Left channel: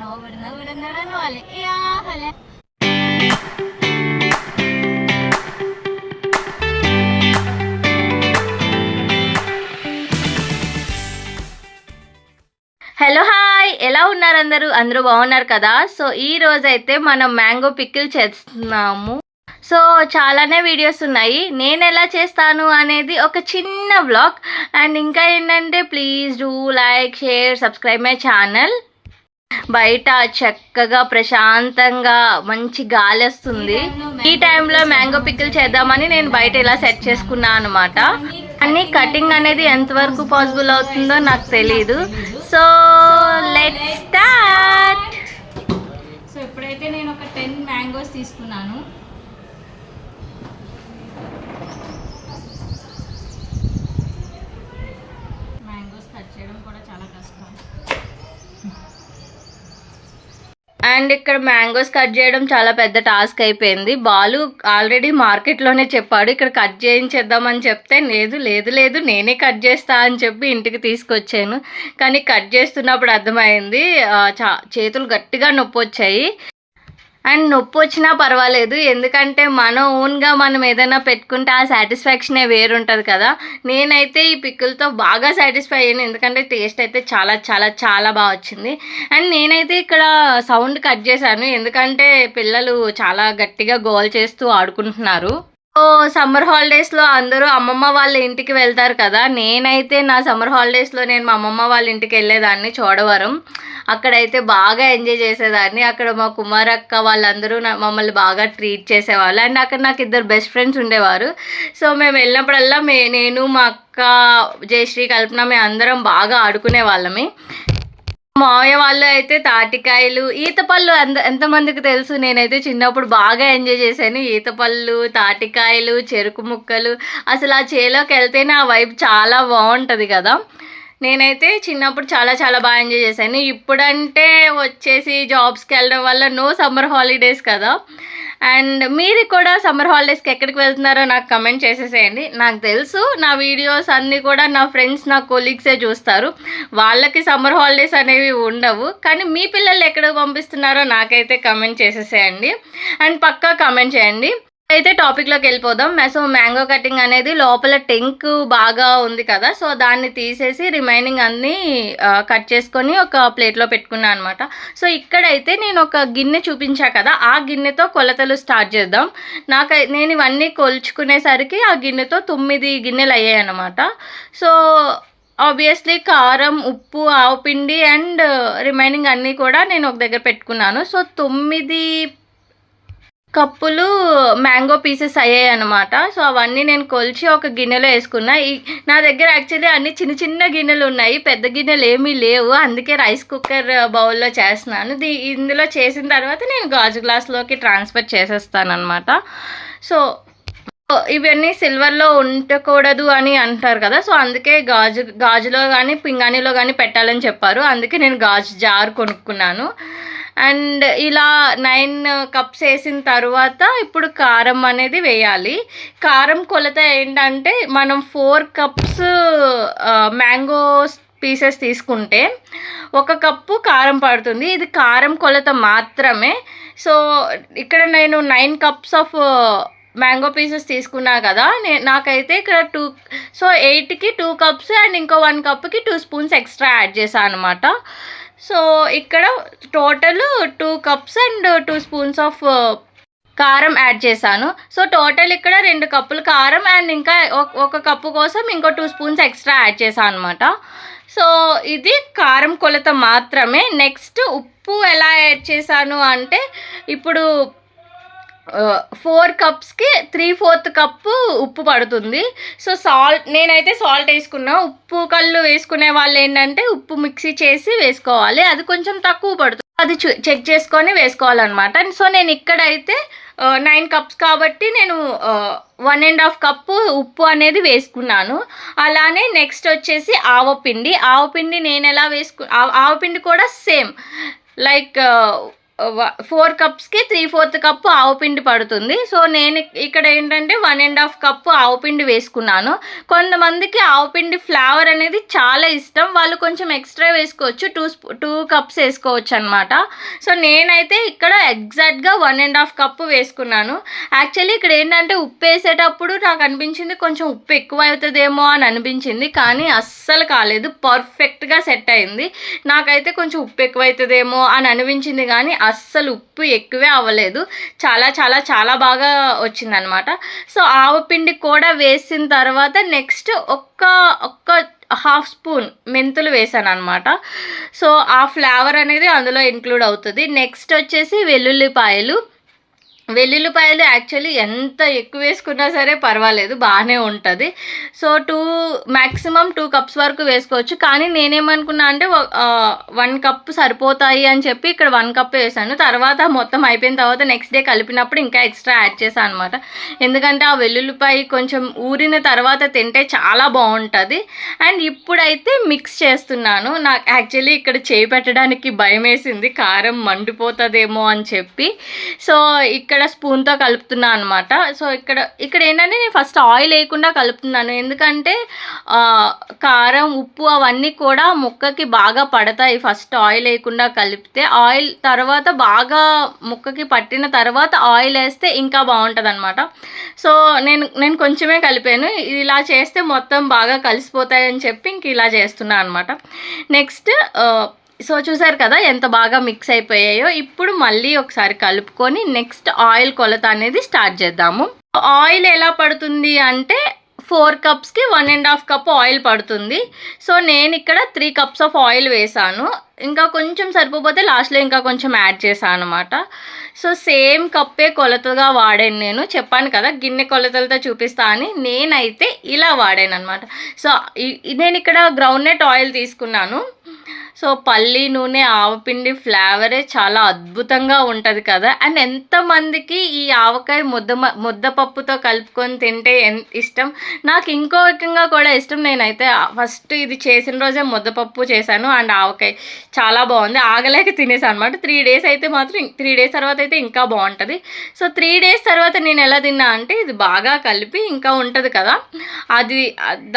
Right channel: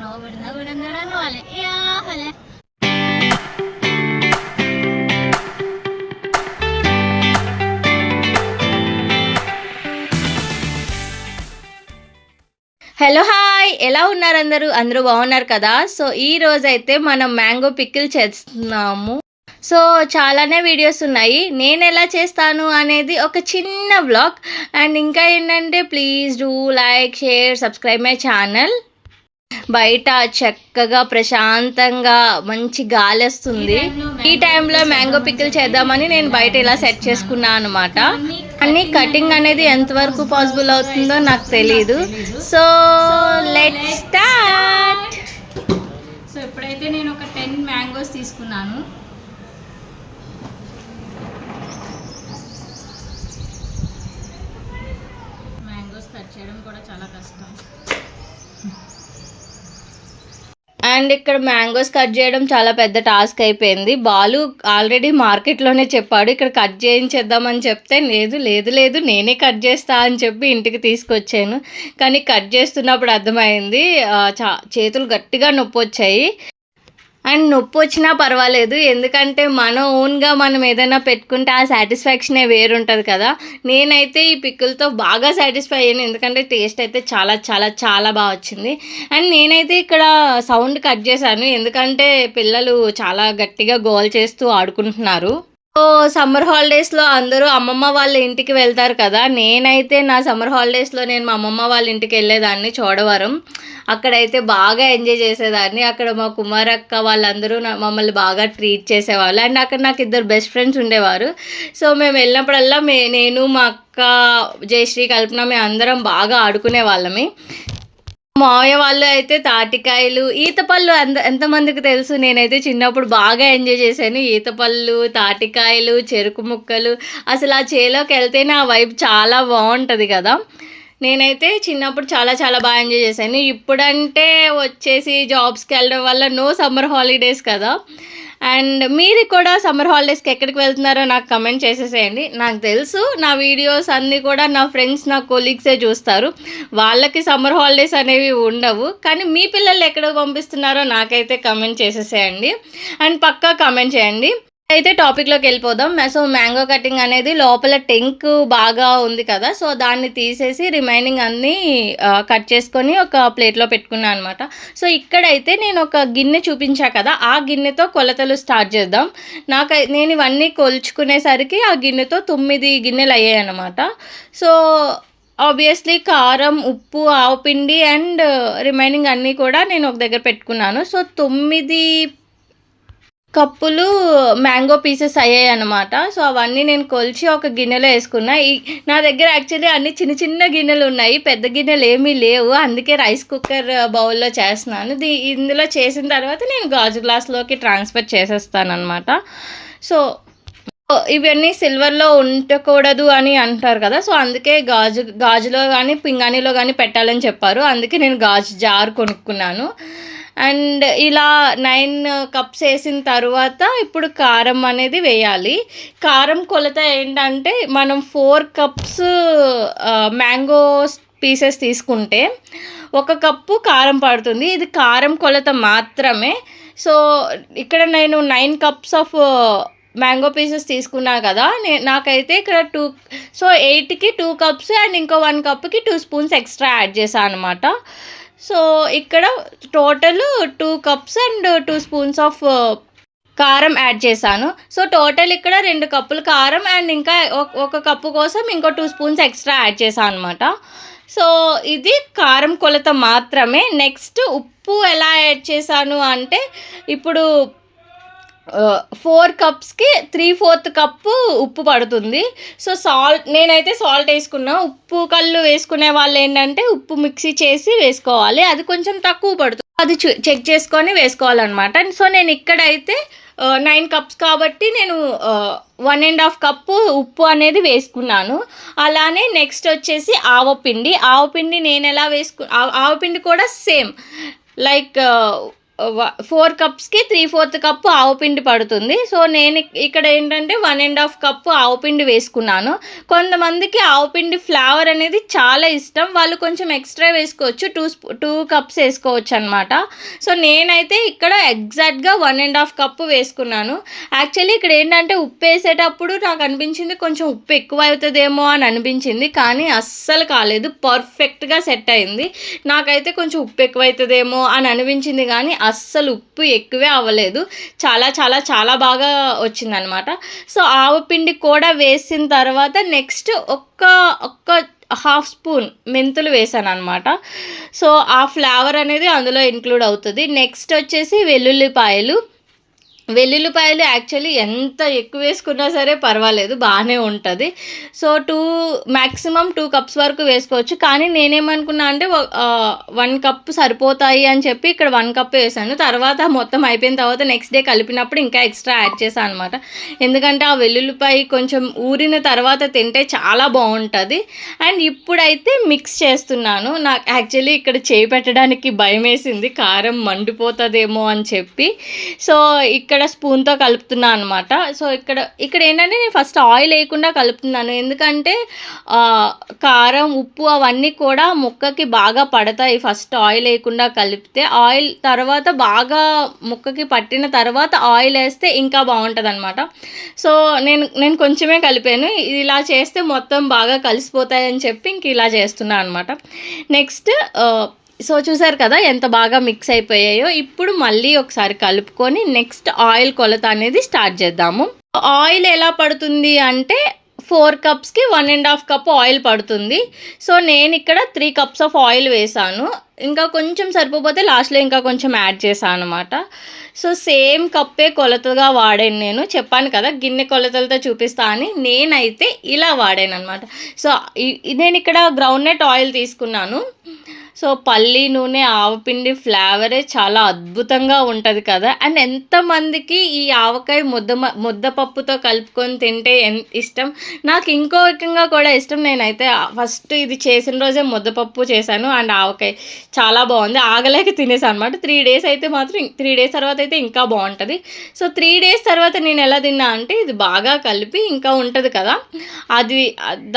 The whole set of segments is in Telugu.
హలో హాయ్, ఎలా ఉన్నారు అందరూ బాగున్నారు కదా. సో ఈ రోజైతే మనం మ్యాంగో పికిల్ చేస్తున్నాము. సో చాలానే వీడియోస్ ఉన్నాయి, నేను ఎలా చేస్తాను అనేది ఒక చిన్న వ్లాగ్. అండ్ ఇంకా ఏంటంటే please do like, share, subscribe my channel. బయట చక్కగా ప్రశాంతంగా మంచి గాలి వస్తుంది. ఈ టైంలో మ్యాంగో పికిల్ చేద్దామని నేను బయట ఇలా సెట్ చేసుకున్నాను అనమాట. అన్ని కటింగ్ అనేది ఎంతవరకు పాసిబుల్ అవుతుందో నాకు తెలీదు. So let's start. సో ఇప్పుడైతే నేను ఒక 10 మ్యాంగోస్ తీసుకున్నాను. మ్యాంగోస్ కట్ చేయడం కూడా చాలా కష్టం. అండ్ ఇక్కడ మ్యాంగోస్ కట్ చేయడం చాలా పెద్ద టాస్క్ అయిపోయింది. బాలు ఆల్రెడీ మార్కెట్లోనే చెప్పాడు ఇక్కడ కట్ చేయించేద్దామని చెప్తే లేదు నేనే కట్ చేస్తా అని చెప్పి ఇంటికి తీసుకొచ్చాను. కానీ కట్ చేస్తున్నప్పుడు అర్థమైంది చేతులు గట్టిగా నొప్పి వచ్చాయి. అండ్ నొప్పి వచ్చినా పర్వాలేదు, ఎందుకంటే మన ఓన్గా మనం ఏదైనా పెట్టుకుంటే ఆ సాటిస్ఫాక్షనే వేరుంటుంది కదా. నేనైతే ఈ పిక్కులతో బాగా సాటిస్ఫై అయ్యాను, ఎందుకంటే టేస్ట్ అయితే చాలా చాలా చాలా బాగా వచ్చింది. అండ్ నేనైతే ఇక్కడ సౌండ్ కట్ చేశాను, ఎందుకంటే పిల్లలు చాలా గట్టిగా గోల్ చేస్తూ ఆడుకుంటున్నారు. సో సమ్మర్ హాలిడేస్లో అందరూ అమ్మమ్మ వాళ్ళ ఇంటికి వెళ్తారు కదా. నేనైతే నా సమ్మర్ హాలిడేస్లో నేను మా అమ్మమ్మ వాళ్ళ ఇంటికి వెళ్ళేదాన్ని, చోడవరం. అక్కడైతే బాగా ఎంజాయ్ చేసేదాన్ని. అక్కడ మా కుమారక్క వాళ్ళందరూ మమ్మల్ని బాగా ట్రీట్ చేసేవాళ్ళు. అండ్ అక్కడ నాకు 2 బెస్ట్ ఫ్రెండ్స్ ఉండేవారు. సో మేము వెళ్ళినప్పుడల్లా నేను మా అక్క జయశ్రీ, కల్పన మేము అందరం బాగా ఆడుకునే వాళ్ళమి. మావయ్య వాళ్ళు అయితే తాటికాయలు, ఈతపళ్ళు ఎంతమందికి తెలుసు. నేనైతే చిన్నప్పుడు బాగా ఎంజాయ్ చేశాను. ఈతపళ్ళు, తాటికాయలు, చెరుకు ముక్కలు, అసలు ఆ చేలోకి వెళ్తేనే ఆ వైబ్ చాలా బాగుంటుంది కదా. నేనైతే చిన్నప్పుడు చాలా చాలా బాగా ఎంజాయ్ చేశాను. ఇప్పుడంటే వచ్చేసి జాబ్స్కి వెళ్ళడం వల్ల నో సమ్మర్ హాలిడేస్ కదా. అండ్ మీరు కూడా సమ్మర్ హాలిడేస్కి ఎక్కడికి వెళ్తున్నారో నాకు కమెంట్ చేసేసేయండి. నాకు తెలుసు నా వీడియోస్ అన్నీ కూడా నా ఫ్రెండ్స్, నా కొలీగ్సే చూస్తారు, వాళ్ళకి సమ్మర్ హాలిడేస్ అనేవి ఉండవు. కానీ మీ పిల్లలు ఎక్కడికి పంపిస్తున్నారో నాకైతే కమెంట్ చేసేసేయండి. అండ్ పక్కా కమెంట్ చేయండి. అయితే టాపిక్లోకి వెళ్ళిపోదాం. సో మ్యాంగో కటింగ్ అనేది లోపల టెంక్ బాగా ఉంది కదా, సో దాన్ని తీసేసి రిమైనింగ్ అన్నీ కట్ చేసుకొని ఒక ప్లేట్లో పెట్టుకున్నాను అనమాట. సో ఇక్కడైతే నేను ఒక గిన్నె చూపించా కదా, ఆ గిన్నెతో కొలతలు స్టార్ట్ చేద్దాం. నేను ఇవన్నీ కొలుచుకునేసరికి ఆ గిన్నెతో 9 గిన్నెలు అయ్యాయి అన్నమాట. సో ఆబ్వియస్లీ కారం, ఉప్పు, ఆవుపిండి అండ్ రిమైనింగ్ అన్నీ కూడా నేను ఒక దగ్గర పెట్టుకున్నాను. సో 9 కప్పులు మ్యాంగో పీసెస్ అయ్యాయి అనమాట. సో అవన్నీ నేను కొలిచి ఒక గిన్నెలో వేసుకున్నా. నా దగ్గర యాక్చువల్లీ అన్ని చిన్న చిన్న గిన్నెలు ఉన్నాయి, పెద్ద గిన్నెలు ఏమీ లేవు. అందుకే రైస్ కుక్కర్ బౌల్లో చేస్తున్నాను. ఇందులో చేసిన తర్వాత నేను గాజు గ్లాస్లోకి ట్రాన్స్ఫర్ చేసేస్తాను అనమాట. సో ఇవన్నీ సిల్వర్లో ఉండకూడదు అని అంటారు కదా, సో అందుకే గాజులో కానీ పింగాణిలో కానీ పెట్టాలని చెప్పారు. అందుకే నేను గాజు జార్ కొనుక్కున్నాను. అండ్ ఇలా 9 కప్స్ వేసిన తర్వాత ఇప్పుడు కారం అనేది వేయాలి. కారం కొలత ఏంటంటే మనం 4 కప్స్ మ్యాంగో పీసెస్ తీసుకుంటే 1 కప్పు కారం పడుతుంది. ఇది కారం కొలత మాత్రమే. సో ఇక్కడ నేను 9 కప్స్ ఆఫ్ మ్యాంగో పీసెస్ తీసుకున్నా కదా, నాకైతే ఇక్కడ 8కి 2 కప్స్ అండ్ ఇంకో 1 కప్కి 2 స్పూన్స్ ఎక్స్ట్రా యాడ్ చేశాను అనమాట. సో ఇక్కడ total 2 cups and 2 spoons of కారం యాడ్ చేశాను. సో టోటల్ ఇక్కడ 2 కప్పులు కారం అండ్ ఇంకా 1 కప్పు కోసం ఇంకో 2 స్పూన్స్ ఎక్స్ట్రా యాడ్ చేశాను అనమాట. సో ఇది కారం కొలత మాత్రమే. నెక్స్ట్ ఉప్పు ఎలా యాడ్ చేశాను అంటే, ఇప్పుడు 4 కప్స్కి 3/4 కప్పు ఉప్పు పడుతుంది. సో నేనైతే సాల్ట్ వేసుకున్నా. ఉప్పు కళ్ళు వేసుకునే వాళ్ళు ఏంటంటే ఉప్పు మిక్సీ చేసి వేసుకోవాలి, అది కొంచెం తక్కువ పడుతుంది, అది చెక్ చేసుకొని వేసుకోవాలన్నమాట. సో నేను ఇక్కడైతే 9 కప్స్ కాబట్టి నేను 1.5 కప్పు ఉప్పు అనేది వేసుకున్నాను. అలానే నెక్స్ట్ వచ్చేసి ఆవపిండి నేను ఎలా ఆవపిండి కూడా సేమ్ లైక్ 4 కప్స్‌కి 3/4 కప్పు ఆవు పిండి పడుతుంది. సో, నేను ఇక్కడ ఏంటంటే 1 ½ కప్పు ఆవు పిండి వేసుకున్నాను. కొంతమందికి ఆవు పిండి ఫ్లేవర్ అనేది చాలా ఇష్టం. వాళ్ళు కొంచెం ఎక్స్‌ట్రా వేసుకోవచ్చు. 2 కప్స్ ఏసుకోవచ్చనమాట. సో, నేనైతే ఇక్కడ ఎగ్జాక్ట్‌గా 1 ½ కప్పు వేసుకున్నాను. యాక్చువల్లీ ఇక్కడ ఏంటంటే ఉప్పేసేటప్పుడు నాకు అనిపించింది కొంచెం ఉప్పు ఎక్కువ అవుతదేమో అని అనిపించింది. కానీ అస్సలు కాలేదు. పర్ఫెక్ట్‌గా సెట్ అయింది. నాకైతే కొంచెం ఉప్పు ఎక్కువైతదేమో అని అనిపించింది గానీ అస్సలు ఉప్పు ఎక్కువే అవ్వలేదు. చాలా చాలా చాలా బాగా వచ్చిందనమాట. సో, ఆవు పిండి కూడా వేసిన తర్వాత నెక్స్ట్ ఒక్క హాఫ్ స్పూన్ మెంతులు వేసాననమాట. సో, ఆ ఫ్లేవర్ అనేది అందులో ఇంక్లూడ్ అవుతది. నెక్స్ట్ వచ్చేసి వెల్లుల్లిపాయలు యాక్చువల్లీ ఎంత ఎక్కువ వేసుకున్నా సరే పర్వాలేదు, బాగానే ఉంటుంది. సో, మ్యాక్సిమం 2 కప్స్ వరకు వేసుకోవచ్చు. కానీ నేనేమనుకున్నా అంటే 1 కప్ సరిపోతాయి అని చెప్పి ఇక్కడ 1 కప్ వేసాను. తర్వాత మొత్తం అయిపోయిన తర్వాత నెక్స్ట్ డే కలిపినప్పుడు ఇంకా ఎక్స్ట్రా యాడ్ చేశాను అనమాట. ఎందుకంటే ఆ వెల్లుల్లిపాయ కొంచెం ఊరిన తర్వాత తింటే చాలా బాగుంటుంది. అండ్ ఇప్పుడైతే మిక్స్ చేస్తున్నాను. నాకు యాక్చువల్లీ ఇక్కడ చేయి పెట్టడానికి భయం వేసింది, కారం మండిపోతుందేమో అని చెప్పి. సో, ఇక్కడ స్పూన్తో కలుపుతున్నా అనమాట. సో, ఇక్కడ ఏంటంటే నేను ఫస్ట్ ఆయిల్ వేయకుండా కలుపుతున్నాను. ఎందుకంటే కారం, ఉప్పు అవన్నీ కూడా ముక్కకి బాగా పడతాయి ఫస్ట్ ఆయిల్ వేయకుండా కలిపితే. ఆయిల్ తర్వాత బాగా ముక్కకి పట్టిన తర్వాత ఆయిల్ వేస్తే ఇంకా బాగుంటుంది అనమాట. సో, నేను కొంచెమే కలిపాను. ఇలా చేస్తే మొత్తం బాగా కలిసిపోతాయని చెప్పి ఇంక ఇలా చేస్తున్నాను అనమాట. నెక్స్ట్ సో, చూసారు కదా ఎంత బాగా మిక్స్ అయిపోయాయో. ఇప్పుడు మళ్ళీ ఒకసారి కలుపుకొని నెక్స్ట్ ఆయిల్ కొలత అనేది స్టార్ట్ చేద్దాము. ఆయిల్ ఎలా పడుతుంది అంటే 4 కప్స్‌కి 1 ½ కప్ ఆయిల్ పడుతుంది. సో, నేను ఇక్కడ 3 కప్స్ ఆఫ్ ఆయిల్ వేసాను. ఇంకా కొంచెం సరిపోతే లాస్ట్‌లో ఇంకా కొంచెం యాడ్ చేశాను అనమాట. సో, సేమ్ కప్పే కొలతగా వాడాను నేను. చెప్పాను కదా గిన్నె కొలతలతో చూపిస్తా అని. నేనైతే ఇలా వాడాను అనమాట. సో, నేను ఇక్కడ గ్రౌండ్‌నట్ ఆయిల్ తీసుకున్నాను. సో, పల్లి నూనె, ఆవపిండి ఫ్లేవరే చాలా అద్భుతంగా ఉంటుంది కదా. అండ్ ఎంతమందికి ఈ ఆవకాయ ముద్దపప్పుతో కలుపుకొని తింటే ఇష్టం. నాకు ఇంకో రకంగా కూడా ఇష్టం. నేనైతే ఫస్ట్ ఇది చేసిన రోజే ముద్దపప్పు చేశాను అండ్ ఆవకాయ చాలా బాగుంది. ఆగలేక తినేసాను అనమాట. 3 డేస్ అయితే మాత్రం 3 డేస్ తర్వాత అయితే ఇంకా బాగుంటుంది. సో, 3 డేస్ తర్వాత నేను ఎలా తిన్నా అంటే ఇది బాగా కలిపి ఇంకా ఉంటుంది కదా, అది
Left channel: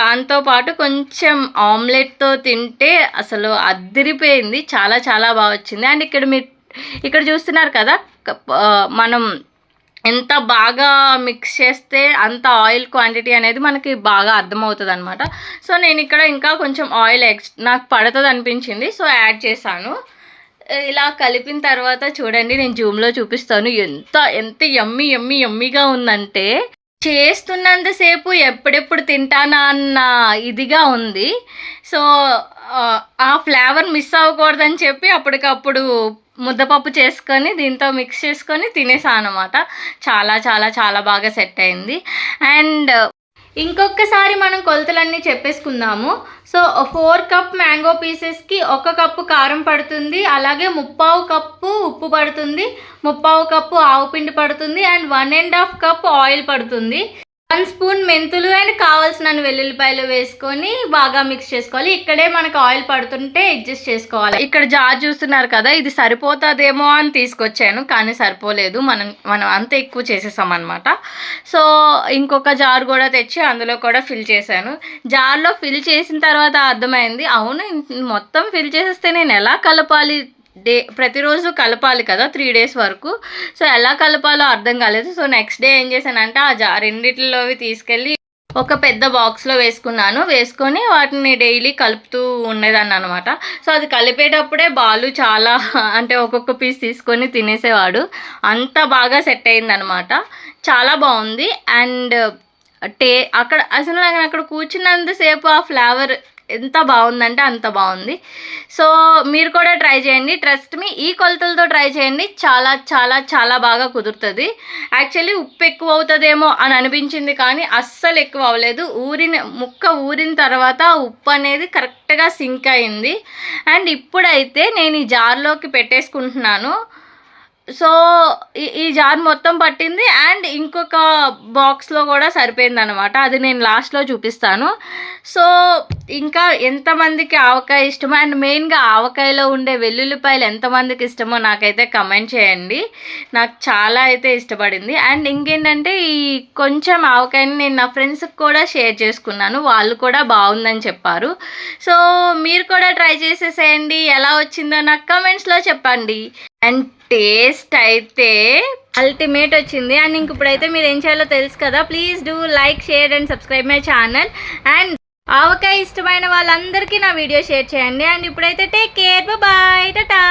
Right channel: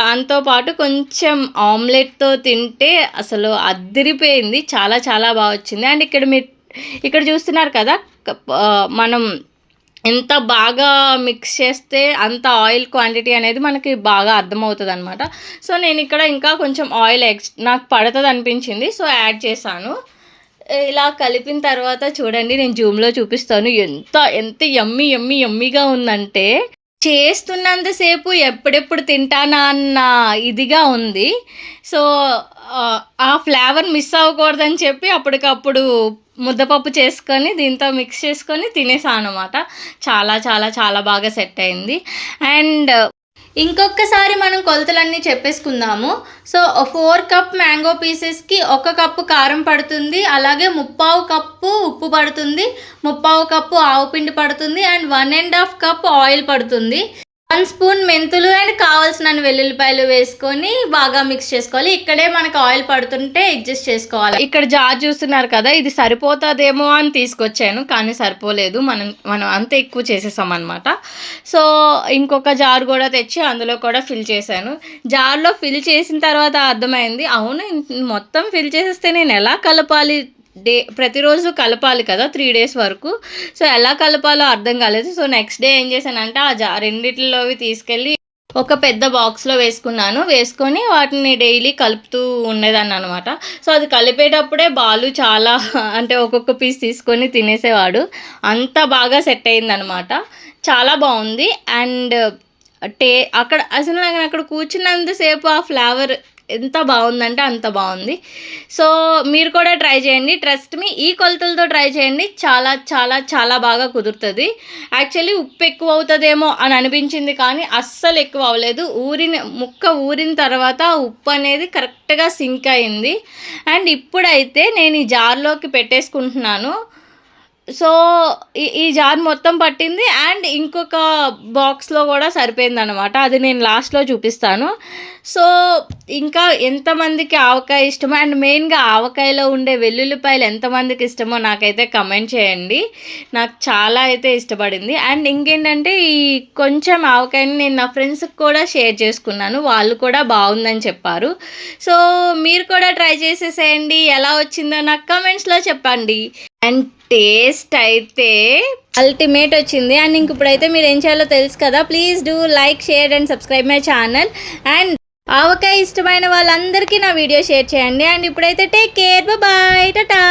దాంతోపాటు కొంచెం ఆమ్లెట్తో తింటే అసలు అదిరిపోయింది. చాలా చాలా బాగా వచ్చింది. అండ్ ఇక్కడ చూస్తున్నారు కదా, మనం ఎంత బాగా మిక్స్ చేస్తే అంత ఆయిల్ క్వాంటిటీ అనేది మనకి బాగా అర్థమవుతుంది అనమాట. సో, నేను ఇక్కడ ఇంకా కొంచెం ఆయిల్ నాకు పడుతుంది అనిపించింది. సో, యాడ్ చేశాను. ఇలా కలిపిన తర్వాత చూడండి, నేను జూమ్లో చూపిస్తాను. ఎంత యమ్మీగా ఉందంటే చేస్తున్నంతసేపు ఎప్పుడెప్పుడు తింటానా అన్న ఇదిగా ఉంది. సో, ఆ ఫ్లేవర్ మిస్ అవ్వకూడదని చెప్పి అప్పటికప్పుడు ముద్దపప్పు చేసుకొని దీంతో మిక్స్ చేసుకొని తినేసాను అనమాట. చాలా చాలా చాలా బాగా సెట్ అయింది. అండ్ ఇంకొకసారి మనం కొలతలన్నీ చెప్పేసుకుందాము. సో, 4 కప్ మ్యాంగో పీసెస్కి 1 కప్పు కారం పడుతుంది. అలాగే 3/4 కప్పు ఉప్పు పడుతుంది. 3/4 కప్పు ఆవు పిండి పడుతుంది. అండ్ 1 ½ కప్ ఆయిల్ పడుతుంది. 1 స్పూన్ మెంతులు అండ్ కావాల్సిన వెల్లుల్లిపాయలు వేసుకొని బాగా మిక్స్ చేసుకోవాలి. ఇక్కడే మనకు ఆయిల్ పడుతుంటే అడ్జస్ట్ చేసుకోవాలి. ఇక్కడ జార్ చూస్తున్నారు కదా, ఇది సరిపోతుందేమో అని తీసుకొచ్చాను కానీ సరిపోలేదు. మనం అంత ఎక్కువ చేసేసాం అనమాట. సో, ఇంకొక జార్ కూడా తెచ్చి అందులో కూడా ఫిల్ చేశాను. జార్లో ఫిల్ చేసిన తర్వాత అర్థమైంది, అవును మొత్తం ఫిల్ చేసేస్తే నేను ఎలా కలపాలి, ప్రతిరోజు కలపాలి కదా 3 డేస్ వరకు. సో, ఎలా కలపాలో అర్థం కాలేదు. సో, నెక్స్ట్ డే ఏం చేశానంటే ఆ రెండిట్లోవి తీసుకెళ్ళి ఒక పెద్ద బాక్స్లో వేసుకొని వాటిని డైలీ కలుపుతూ ఉండేదాన్ని అనమాట. సో, అది కలిపేటప్పుడే బాలు చాలా అంటే ఒక్కొక్క పీస్ తీసుకొని తినేసేవాడు. అంత బాగా సెట్ అయిందనమాట. చాలా బాగుంది. అండ్ అసలు నేను అక్కడ కూర్చున్నంతసేపు ఆ ఫ్లేవర్ ఎంత బాగుందంటే అంత బాగుంది. సో, మీరు కూడా ట్రై చేయండి. ట్రస్ట్ మీ, ఈ కొలతలతో ట్రై చేయండి. చాలా చాలా చాలా బాగా కుదురుతుంది. యాక్చువల్లీ ఉప్పు ఎక్కువ అవుతుందేమో అని అనిపించింది కానీ అస్సలు ఎక్కువ అవ్వలేదు. ముక్క ఊరిన తర్వాత ఉప్పు అనేది కరెక్ట్గా సింక్ అయింది. అండ్ ఇప్పుడైతే నేను ఈ జార్లోకి పెట్టేసుకుంటున్నాను. సో, ఈ జార్ మొత్తం పట్టింది. అండ్ ఇంకొక బాక్స్‌లో గూడా సరిపోయిందనమాట. అది నేను లాస్ట్‌లో చూపిస్తాను. సో, ఇంకా ఎంతమందికి ఆవకాయ ఇష్టమో అండ్ మెయిన్‌గా ఆవకాయలో ఉండే వెల్లుల్లిపాయలు ఎంతమందికి ఇష్టమో నాకైతే కమెంట్ చేయండి. నాకు చాలా అయితే ఇష్టపడింది. అండ్ ఇంకేంటంటే ఈ కొంచెం ఆవకాయని నేను నా ఫ్రెండ్స్‌కి కూడా షేర్ చేసుకున్నాను. వాళ్ళు కూడా బావుందని చెప్పారు. సో, మీరు కూడా ట్రై చేసేసేయండి. ఎలా వచ్చిందో నాకు కమెంట్స్‌లో చెప్పండి. అండ్ టేస్ట్ అయితే అల్టిమేట్ వచ్చింది. అండ్ ఇంక ఇప్పుడైతే మీరు ఏం చేయాలో తెలుసు కదా. Please do like, share and subscribe my channel. And ఆవకాయ ఇష్టమైన వాళ్ళందరికీ నా వీడియో షేర్ చేయండి. అండ్ ఇప్పుడైతే టేక్ కేర్, బాయ్, టాటా.